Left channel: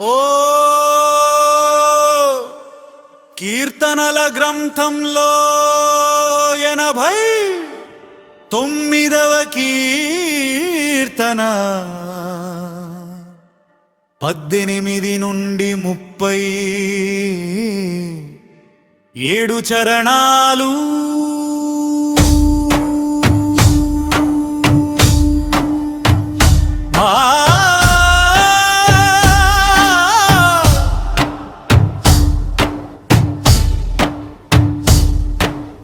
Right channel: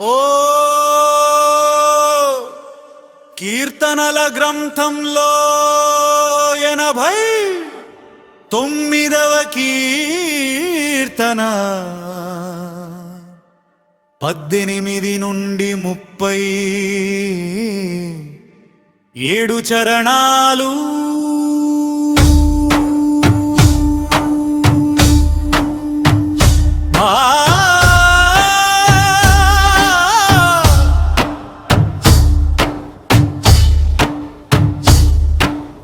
ఓ కీర్తనల గ్రంథంలో 89వ కీర్తన 18 నుండి 37 చరణాలు.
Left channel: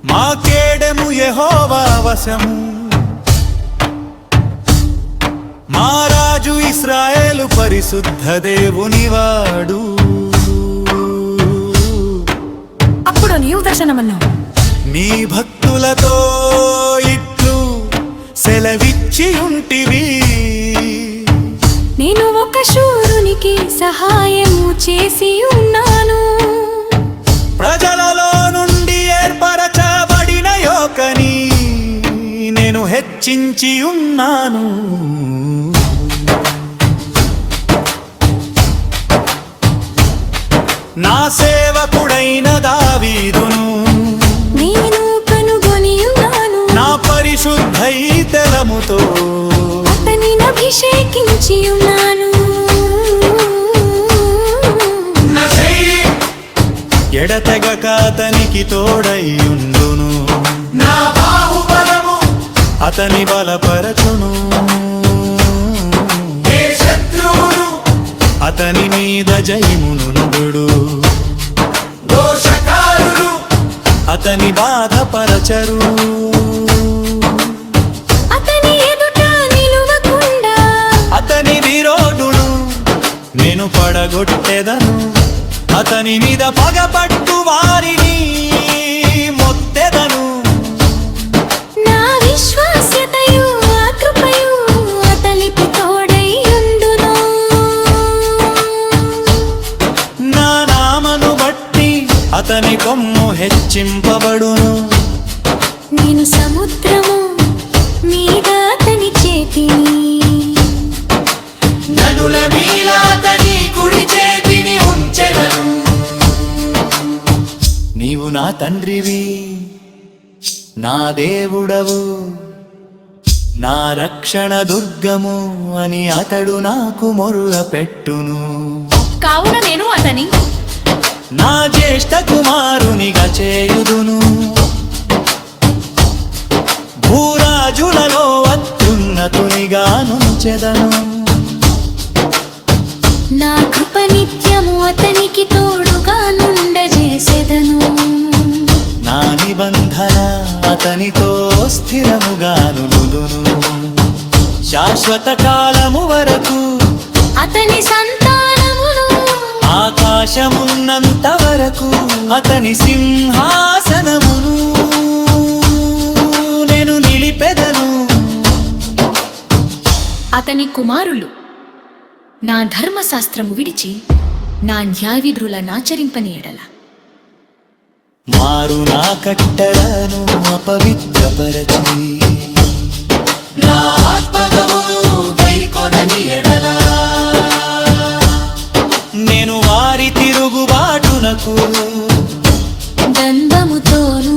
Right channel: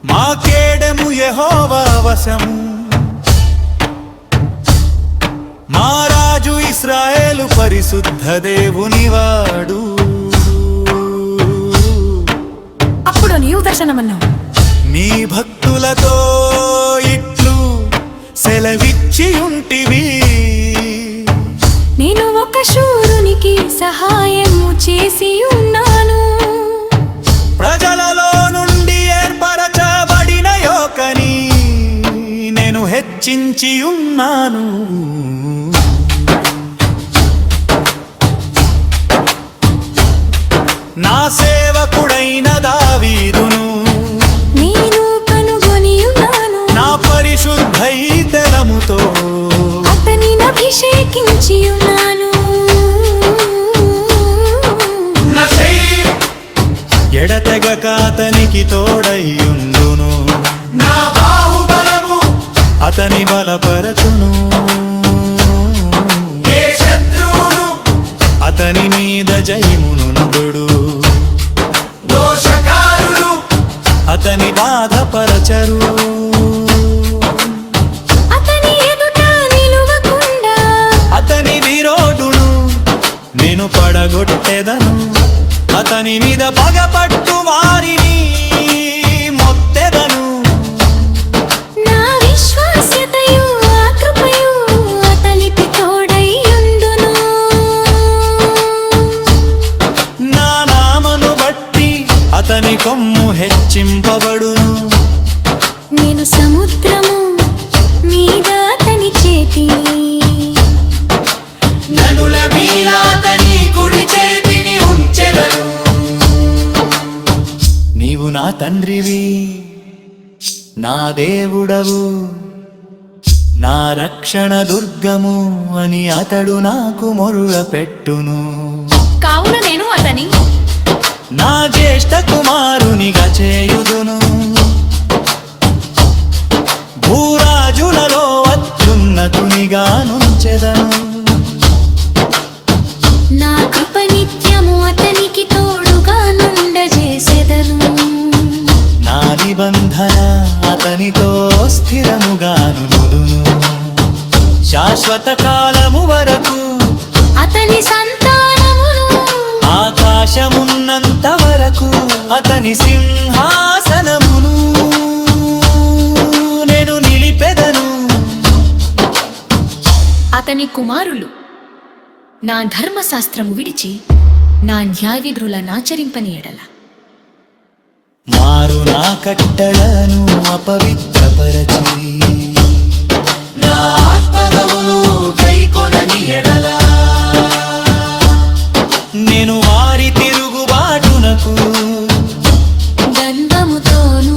మా కేడెము యెహోవా వశము, మా రాజు ఇశ్రాయేలు పరిశుద్ధ దేవునివాడు. అప్పుడు నీవు దర్శనమన్నావు, నీ భక్తులతో ఇట్లు సెలవిచ్చి ఉంటివి. నేను ఒక శూరునికి సహాయము చేసి ఉన్నాను, ప్రజలలో నుండి ఏర్పరచబడిన యోకని నేను హెచ్చించి ఉన్నాను. నా సేవకుడైన దావీదును నేను కనుగొని ఉన్నాను, నా పరిశుద్ధైతలముతో అతనిని అభిషేకించి ఉన్నాను. ఎడతెగక అతనికి తోడైయుండును, నా బాహుబలము అతని బలపరచును. అతని మీద జయమును నుడు, దోషకారులు అతని బాధపరచరు. అతని ఎదుట నిలువకుండా అతని విరోధును నేను పడగొట్టెదను. అతని మీద పగపట్టు వారిని మొత్తెదను. నా విశ్వాస్యతయు ఆ కృపయు అతనికి తోడైయుండును. నా నామను బట్టి అతని కొమ్ము హెచ్చింపబడును. నేను సముద్రము మీద అతని చేతిని, నదుల మీద అతని కుడి చేతిని ఉంచెదను. నీవు నా తండ్రివి, నా దేవుడవు, నా రక్షణ దుర్గము అని అతడు నాకు మొర్ర పెట్టును. కావున నేను అతని నా జ్యేష్ఠ కుమారునిగా చేయుదును. భూరాజులలో అత్యున్నతునిగా నుంచెదను. నా కృప నిత్యము అతనికి తోడుగా నుండజేసెదను. నా నిబంధన అతనితో స్థిరముగాను నుదును. శాశ్వత కాలము వరకు అతని సంతానమును, ఆకాశమున్నంత వరకు అతని సింహాసనమును నేను నిలిపెదను. అతని కుమారులు నా ధర్మశాస్త్రము విడిచి నా న్యాయవిధులనాచరింపని ఎడల మారు నా కట్టడను అపవిత్రపరచి నా ఆత్మగమును గైకొనని ఎడల నేను వారి తిరుగుబాటునకు దండముతోను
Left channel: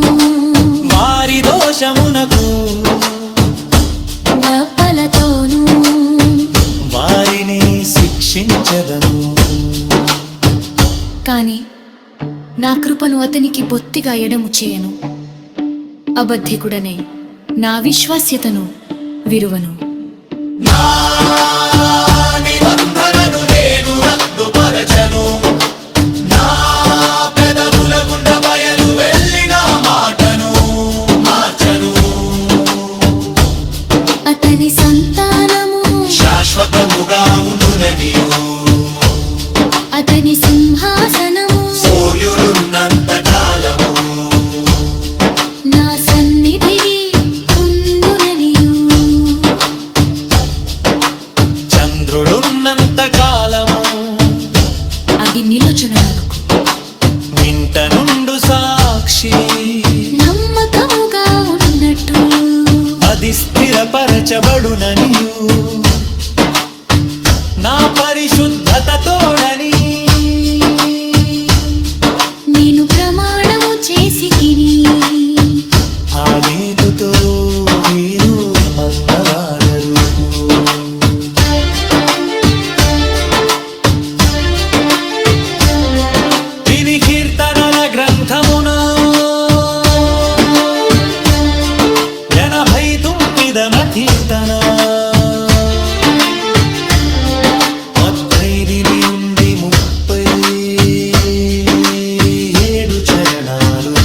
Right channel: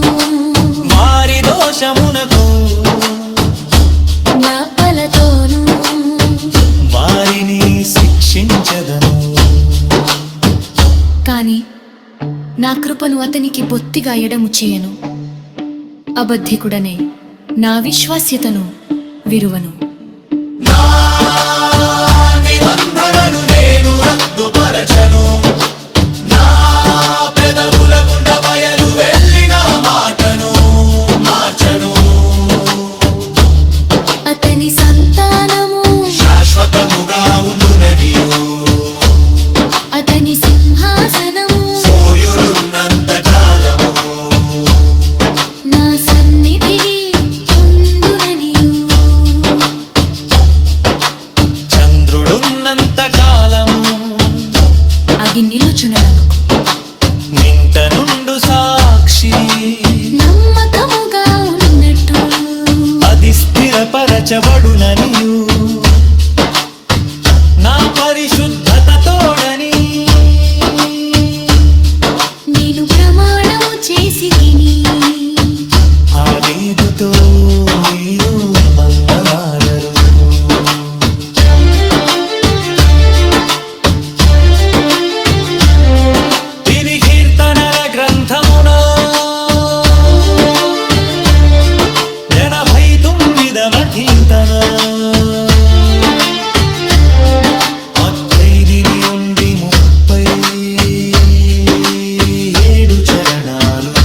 వారి దోషమునకు నప్పలతోను వారిని శిక్షించదను. కాని నా కృపను అతనికి బొత్తిగా ఎడము చేయను, అబద్ధికుడనే నా విశ్వాస్యతను విరువను. అతని సంతానము శాశ్వతముగా ఉండుననియు, అతని సింహాసనము సూర్యుడున్నంత కాలము నా సన్నిధికి ఉండుననియు, చంద్రుడున్నంత కాలము అది నిలుచుననగు. నింట నుండు సాక్షి నమ్మకముగా ఉన్నట్టు అది స్థిరపరచబడుననియు నా పరిశుద్ధత తోడని నేను ప్రమాణము చేసి తిని ఆ రీతుతో వీరు మన్నవారరు దీని కీర్తనల గ్రంథమున 89వ కీర్తన 8 నుండి 37 చరణాలు